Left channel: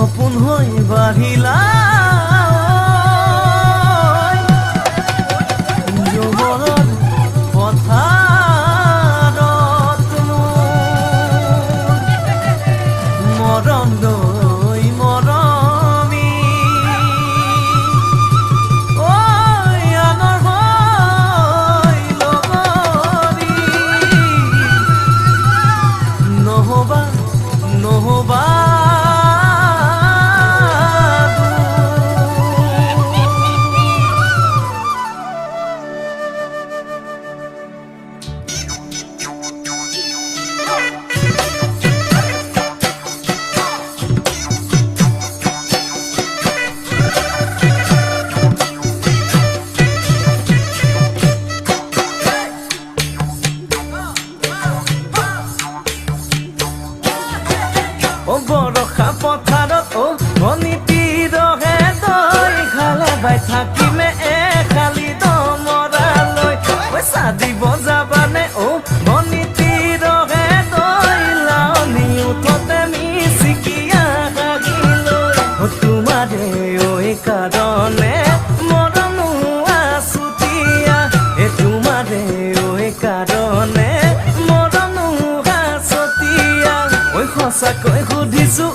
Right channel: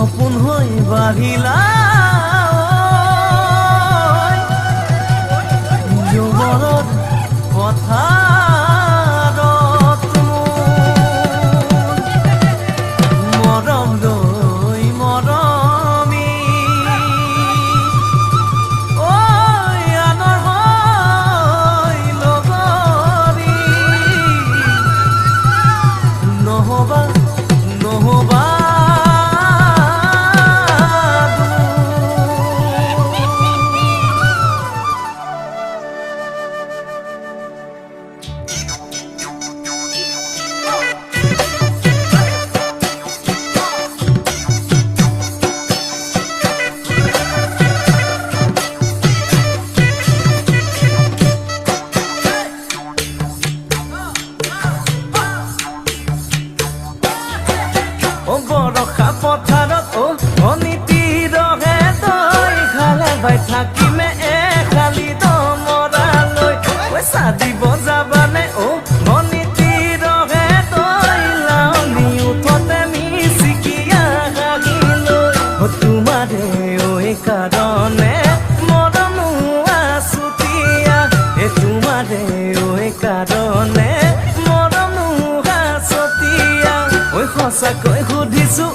সপোন হৈ বাঢ়িলা যৌৱনত পথাৰত মৰম লৈ মৰমি আনৰ হৈ লগৰী নহবা নহবা বৰষা পথাৰত ভনীতি ৰহে তই খালে বাই থাকিমে খালি দমৰালৈ পইচা দিব যাবানে ভনীতি ৰহে তই লাৱনি উঠতে মিচিকিয়া হাগিলৈ তোমাৰে কাৰণে মৰমো আছুতীয়া তোমাৰে কাৰণে মৰমো আছতীয়া সঁচাকৈ সুধিছো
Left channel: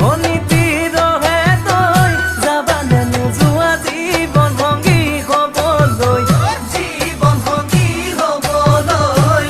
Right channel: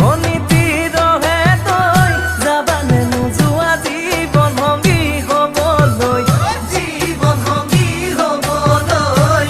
ভনীতি ৰহে তই যাবানে নোযোৱা জীৱন সংগী হ'বলৈ জীৱন সংগী হ'বলৈ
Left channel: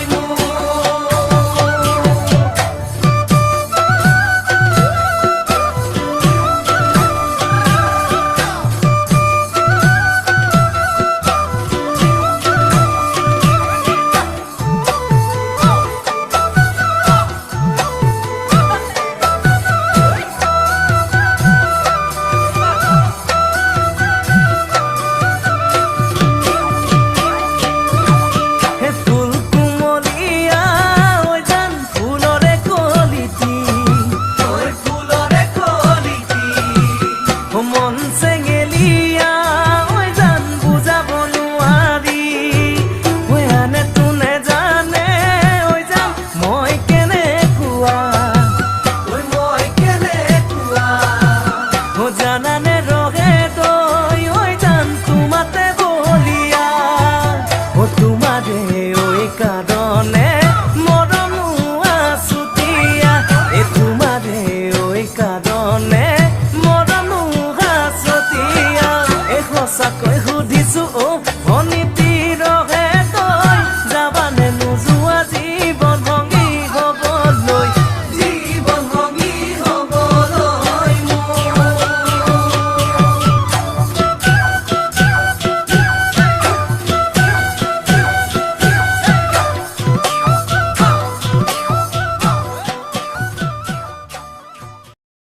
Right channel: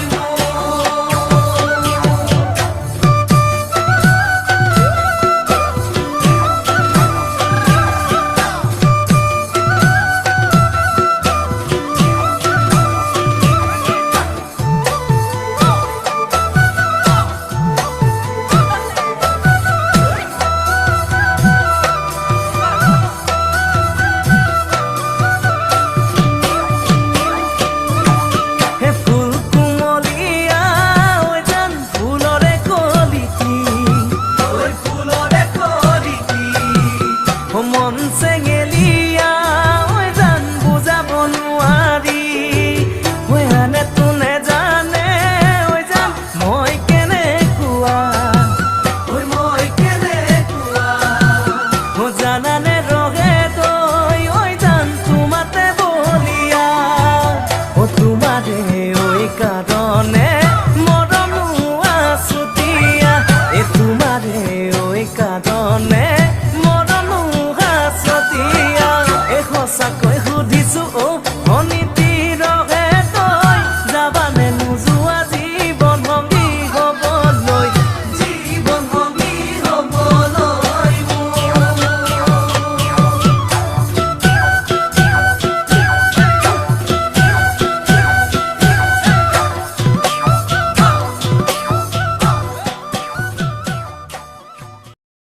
মন চেঙেলীয়া জান বুজাব নোৱাৰি আনে তোনে জানে জান মই কেনেকুৱা জানানে ৰহে তই জান তোমাতে বলিয়া তোমাৰে কাৰণে মৰমো আছুতীয়া তোমাৰে কাৰণে মৰমো আছতীয়া সঁচাকৈ সুধিছো ভনীতিৰ